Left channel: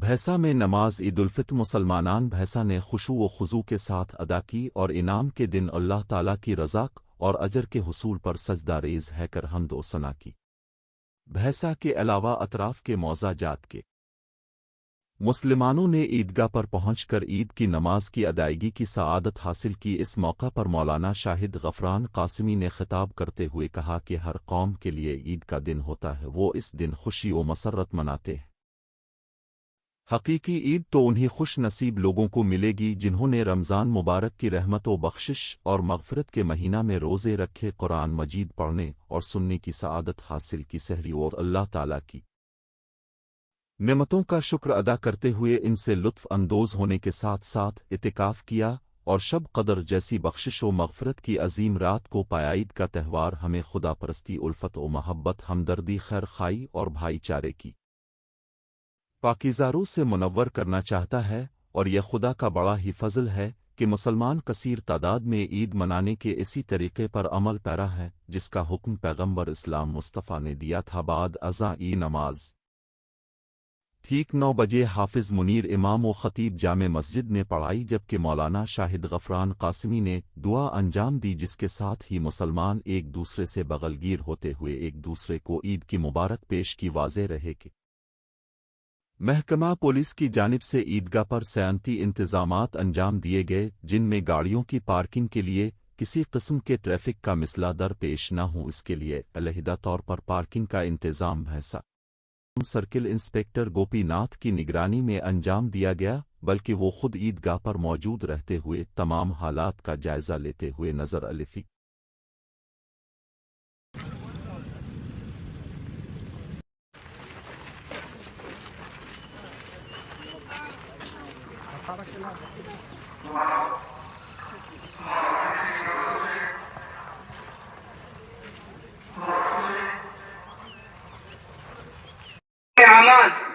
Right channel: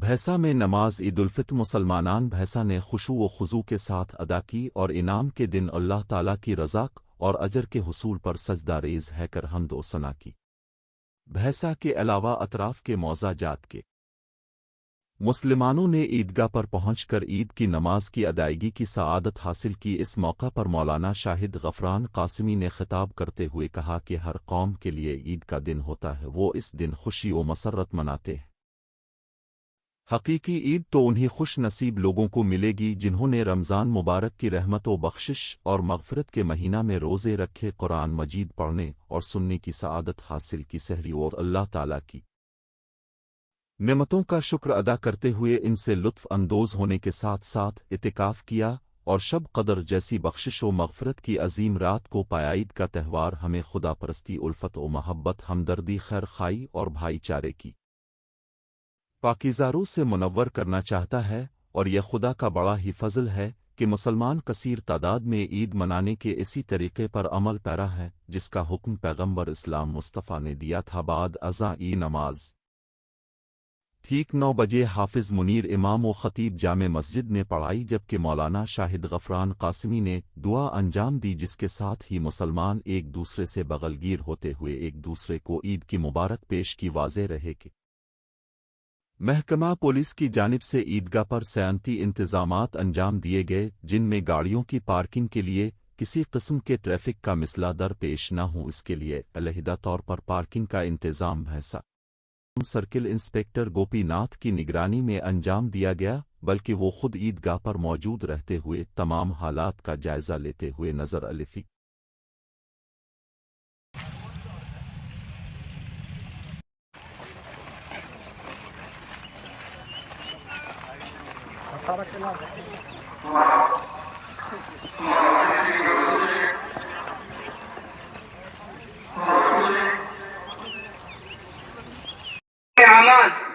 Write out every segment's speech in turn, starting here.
بھیسا میں نماز عید الفطر مسلمانان بھیسا نے خشوع و خضوع کے ساتھ ادا کی اور انعام کے دن اللہ تعالیٰ کی رضا اور اجر کے حصول پر سجدہ ریز ہے کر حمد و ثنا کی۔ بھیسا کے علاوہ اطراف کے موضع جات کے مسلمانوں نے عیدگاہ پر پہنچ کر عید کی نماز کی ادائیگی کی سعادت حاصل کی۔ اس موقع پر مولانا شاہد غفران قاسمی نے خطاب کرتے ہوئے کہا کہ ہر قوم کے لیے عید کا دن ہوتا ہے، وہ اس دن خوشی و مسرت مناتے ہیں۔ حقیقی عید تو انہی خوش نصیب لوگوں کو ملے گی جنہوں نے رمضان مبارک کی رحمت و بخشش اور مغفرت کے مہینہ میں روزے رکھے، قرآن مجید پڑھنے اور سننے کی سعادت حاصل کی، سحری اور اللہ تعالیٰ کی نعمتوں کا شکر ادا کرتے ہوئے ان سے لطف اندوز ہونے کے ساتھ ساتھ اعتکاف کیا اور شب قدر جیسی بخشش و مغفرت کی عظیم رات کو پایا۔ عید کا تہوار ہمیں خدا پرستی، الفت و محبت، ہمدردی، خیر خواہی اور بھائی چارے کی پاکیزہ روح سے منور کرنا چاہتا ہے، اور یہ خدا کا بڑا ہی فضل ہے کہ مسلمان کثیر تعداد میں عید منانے کے اسی طریقے پر عمل پیرا ہے جس کا حکم پیغمبر اسلام مصطفیٰ نے دیا تھا۔ بعد ازاں نماز ٹھیک 9 بجے حافظ منیر امام و خطیب جامع مسجد نے پڑھائی، جبکہ مولانا شاہد غفران قاسمی نے دعا انجام دی، جس کے ساتھ ہی مسلمان ایک دوسرے سے بغل گیر ہوتے ہوئے ایک دوسرے کو عید کی مبارک پیش کی۔ واضح رہے کہ محکمہ پولیس کی جانب سے عیدگاہ پر سیانتی انتظامات انجام دیے گئے، جن میں گاڑیوں کی پارکنگ کے لیے کسی قسم کے ٹریفک کا مسئلہ درپیش نہ ہو، اس کے لیے علیحدہ طور پر پارکنگ کا انتظام بھیسا سرکل انسپکٹر گوپی ناتھ کی نگرانی میں انجام دیا گیا، بلکہ وہ خود عیدگاہ پر موجود رہتے ہوئے تمام حالات کا جائزہ لیتے ہوئے نظر آئے۔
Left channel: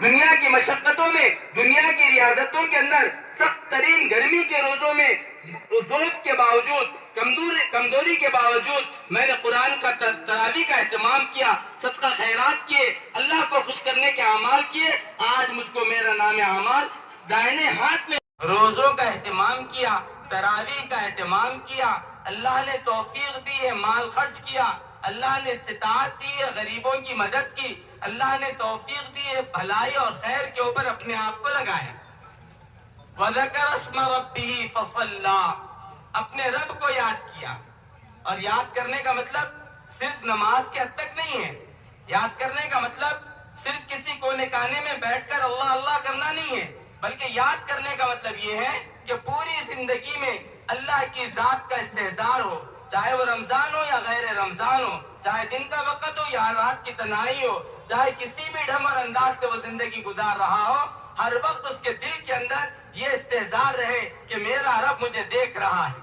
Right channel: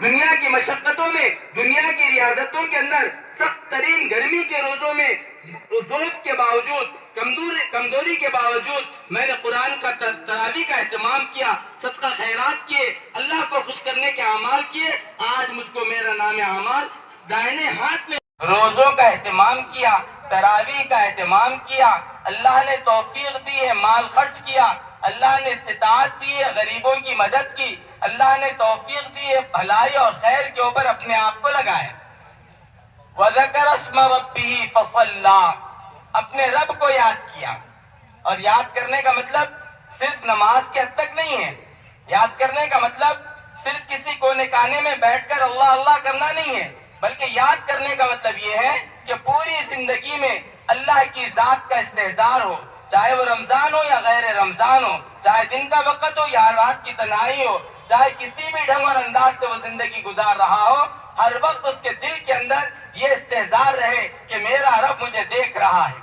دنیا کی مشقتوں میں، دنیا کی ریاضتوں کے اندر، سخت ترین گرمی کے روزوں میں، ضعف کے باوجود، کمزوری کے باوجود میں نے قرآن کا تراویح کا اہتمام کیا، صدقہ خیرات کیے، اللہ کو خوش کرنے کے اعمال کیے۔ آج مجھ کو میرا نام اعمال دائنے ہاتھ میں روزوں کا اہتمام کیا، تراویح کا اہتمام کیا، اللہ نے توفیق دی ہے، مال خرچ کیا، اللہ نے استطاعت دی ہے، غریبوں کی مدد کی، اللہ نے توفیق دی ہے، بھلائی اور خیر کے اوپر اپنے آپ کو لگائے۔ وَذَكَرَ اسْمَ رَبِّهِ فَصَلَّى، اپنے رب کو یاد کیا۔ اور یاد کرنے کا مطلب صرف نماز کے حد تک نہیں ہے، یاد کرنے کا مطلب صرف کسی کونے کانے میں بیٹھ کر اللہ اللہ کرنا نہیں ہے، بلکہ یاد کرنے کا مطلب یہ ہے کہ پوری زندگی میں اللہ کی ذات کا استحضار ہو، چاہے وہ رمضان ہو یا غیر رمضان ہو، چاہے دن کا وقت ہو یا رات کی تنہائی ہو، چاہے کسی بھی ڈھنگ اور انداز سے وہ زندگی گزار رہا ہو، ہر وقت اس کے دل کے اندر یہ استحضار رہے کہ میرا رب مجھے دیکھ رہا ہے،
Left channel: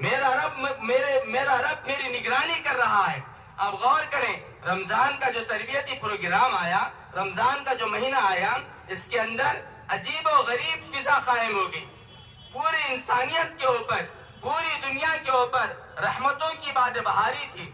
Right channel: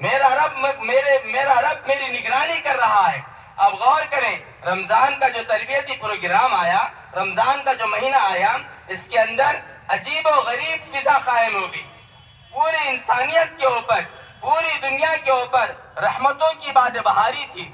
میرا رب میری نگرانی کر رہا ہے۔ اب غور کریں، رمضان کا جو تربیتی پروگرام آیا، رمضان کا جو مہینہ آیا، اس کے اندر عجیب و غریب فضا قائم ہوگی، پوری انسانیت کے اوپر، پوری دنیا کے اوپر رحمتوں کی باد بہاری تھی۔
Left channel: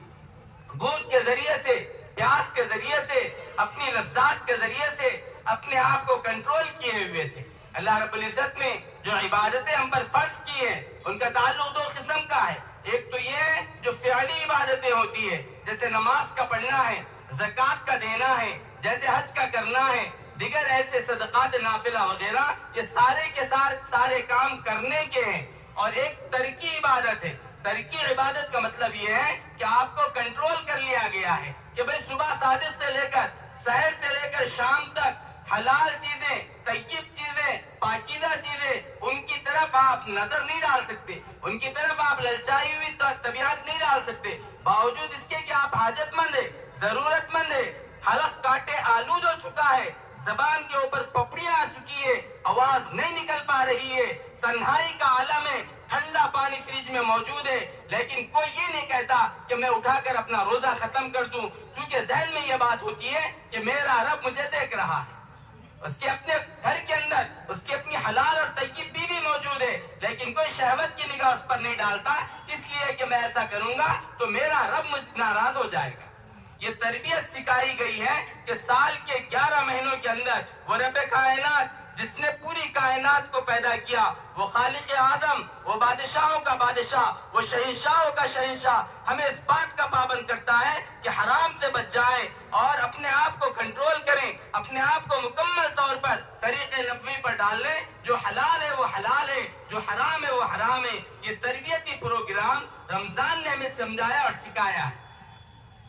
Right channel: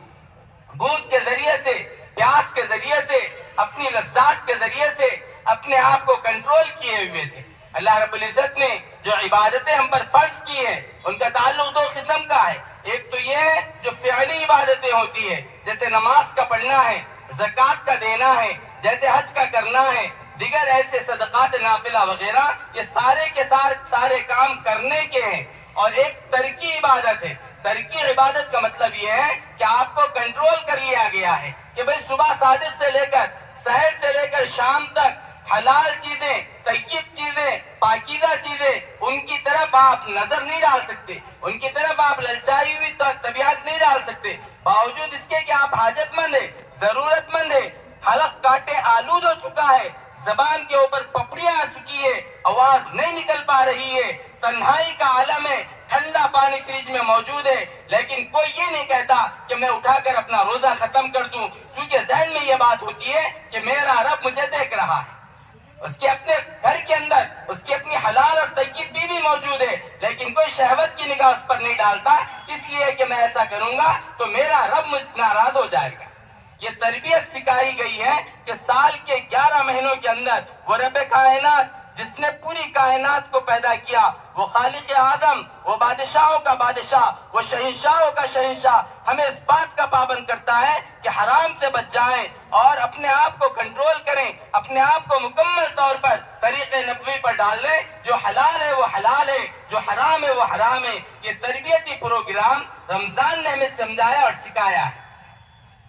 بھوک کے ذریعے سے، پیاس کے ذریعے سے، اپنی لذات کے ذریعے سے اپنے آپ کو کنٹرول کیے ہوئے تھے۔ اللہ رب العزت نے جو عبادتیں ہم پر فرض کی ہیں، ان کا تعلق دو قسم کا ہے۔ ایک تو یہ ہے جو فعلی عبادتیں ہوتی ہیں، جیسے نماز کا پڑھنا ہے، زکوٰۃ کا دینا ہے، جیسے حج کا کرنا ہے، دیگر ایسے صدقات نافلہ وغیرہ، یہ سارے کے سارے کام کرنے کے ہیں۔ اور ایک ترکی عبادت ہے۔ ترکی عبادت کا مطلب یہ ہے کہ آپ کو کنٹرول کر لیا گیا ہے کہ بھئی صبح صادق سے لے کر سحر سے لے کر شام تک حلال چیزیں، طیب چیزیں، پاکیزہ چیزیں، ان کی طرف آپ نظر نہیں ڈال سکتے، ان کی طرف آپ للچائی ہوئی طبیعت نہیں ڈال سکتے، باوجود اس کے کہ آپ حاجت مند ہیں، ضرورت مند ہیں، حلق کاٹے آلود ہو چکا ہے، زبان کے اوپر پپڑیاں آ چکی ہے، آواز نہیں نکل پا رہی ہے، تنہائی کا عالم ہے، ٹھنڈا پانی فریج میں موجود ہے، لیکن کوئی یہ نہیں کہتا کہ میں اٹھا کر اپنا روزہ ختم کر دوں، کیونکہ ذہن میں یہ بات ہوتی ہے کہ میرا رب مجھے دیکھ رہا ہے۔ اس کے اپنے گھر کے اندر اس کی اپنی حلال اور طیب بیوی موجود ہے، لیکن کوئی شہوت کی نگاہ اس پر نہیں ڈالتا، اس لیے کہ میں ایسا کروں گا تو میرا رب مجھ سے ناراض ہو جائے گا۔ یہ تربیت سکھائی گئی ہے کہ سال کے 11 مہینوں کے اندر وہ رب کائنات جس نے پوری کائنات کو پیدا کیا، وہ خالق اعظم، وہ بادشاہوں کا بادشاہ، وہ شہنشاہوں کا شہنشاہ، ہمیں اس بات کا پابند کرتا ہے کہ حرام سے بچ جائیں اور اپنے آپ کو کنٹرول کریں، اپنے آپ کو مکمل طور پر طریق نبوی پر ڈال لیں۔ جو حلال ہے وہ حلال ہے، جو حرام ہے وہ حرام ہے۔ یہ تربیتی پروگرام رمضان نے ہمیں سمجھایا اور سکھایا ہے،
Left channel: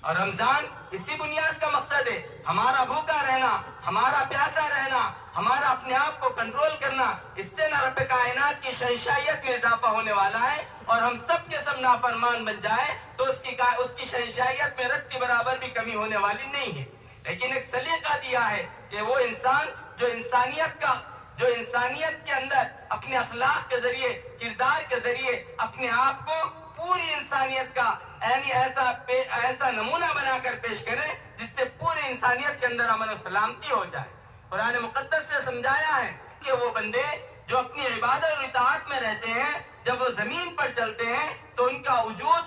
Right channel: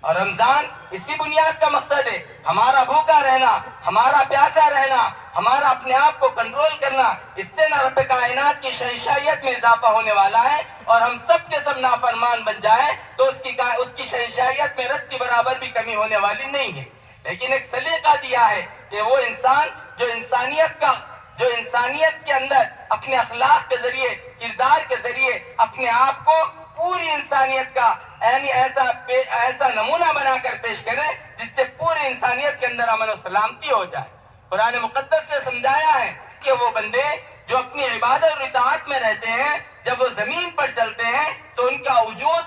اور رمضان اسی بنیاد کا مقصد ہے، ہمارا بھوکا رہنا، ہمارا پیاسا رہنا، ہمارا اپنے آپ کو کنٹرول کرنا۔ اس سے نہ رب کائنات کی شہنشاہیت میں اضافہ ہونے والا ہے، اور ہم سب کے سب نافرمان بن جائیں تو اس کی شہنشاہیت میں رت کی برابر بھی کمی ہونے والی نہیں ہے۔ لیکن ایک سلیقہ دیا ہے کہ وہ انسان جو انسانیت کے اندر اپنے اخلاق کے ذریعے، کردار کے ذریعے اپنے آپ کو پوری انسانیت کا یعنی ایسا نمونہ بنا کر پیش کرے جس سے پوری انسانیت کے اندر امن و سلامتی ہو جائے۔ قرآن مقدس نے سمجھایا ہے کہ وہ بندے جو اپنی عبادت اور اطاعت میں رہتے ہیں، جب وہ زمین پر چلتے ہیں تو ان کا وجود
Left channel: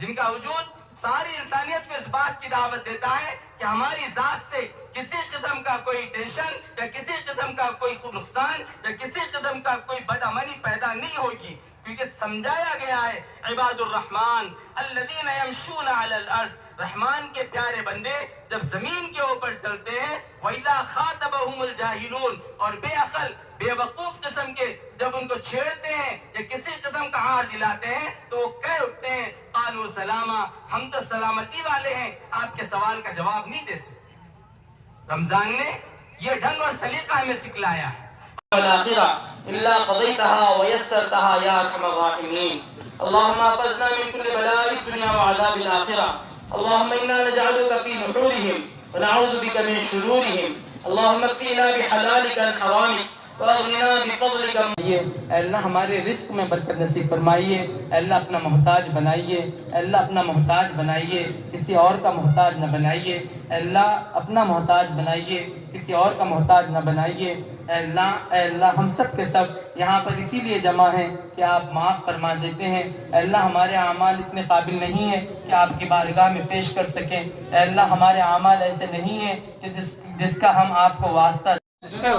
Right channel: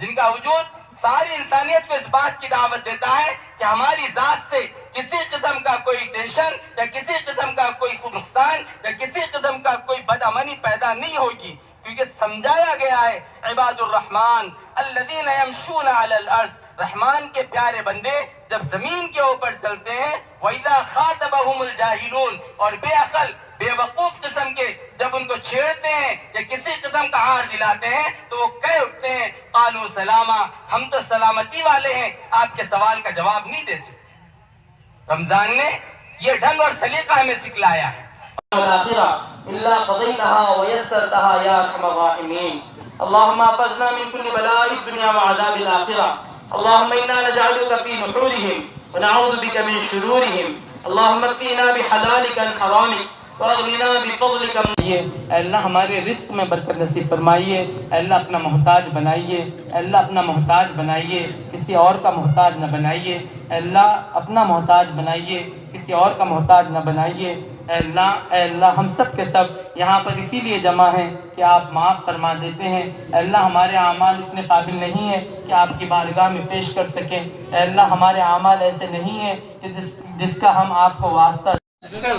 جن کا وجود ساری انسانیت کو اس بات کی دعوت دیتا ہے کہ ہماری ذات سے کسی قسم کا کوئی ٹینشن یا کسی قسم کا کوئی نقصان یا کسی قسم کا کوئی بدامنی پیدا نہیں ہوگی، کیونکہ سمجھایا گیا ہے عباد الرحمن الذین یمشون علی الارض، رحمان کے پیارے بندے جب زمین کے اوپر چلتے ہیں، وَإِذَا خَاطَبَهُمُ الْجَاهِلُونَ، اور بے عقل بے وقوف قسم کے جب ان کو چھیڑتے ہیں یا کسی قسم کا ہار دلاتے ہیں تو وہ کہہ اٹھتے ہیں قالوا سلاما، ہم تو سلامتی والے ہیں، آپ کے سوال کا جواب نہیں دے سکتے۔ رمضان نے یہ ڈھنگ اور سلیقہ ہمیں سکھلایا ہے۔ إلا قضيتها ويسرتها يا أرحم الراحمين. اللهم احفظنا من كل بلاء الدنيا وعذاب الآخرة. اللهم إنا نجعلك في نحورهم ونعوذ بك من شرورهم. اللهم اكفنا بحلالك عن حرامك واغننا بفضلك. اے اللہ ہمارے رزق میں برکت نصیب فرمائیے، اے اللہ اپنا محتاج بنائیے، اے اللہ اپنا محتاج بنائیے، کسی اور کا محتاج نہ بنائیے، اے اللہ اپنا محتاج بنائیے، کسی اور کا محتاج نہ بنائیے۔ اے اللہ ہم سب کے سب یہاں پر اسی لیے جمع ہیں کہ آپ معاف فرما دیتے ہیں۔ اے اللہ ہمارے اعمال اتنے قابل نہیں ہیں کہ آپ کی بارگاہ میں پیش کر سکیں۔ اے اللہ ہمارے اعمال ایسے نہیں ہیں کہ جس کا ہم آپ کو واسطہ Hey,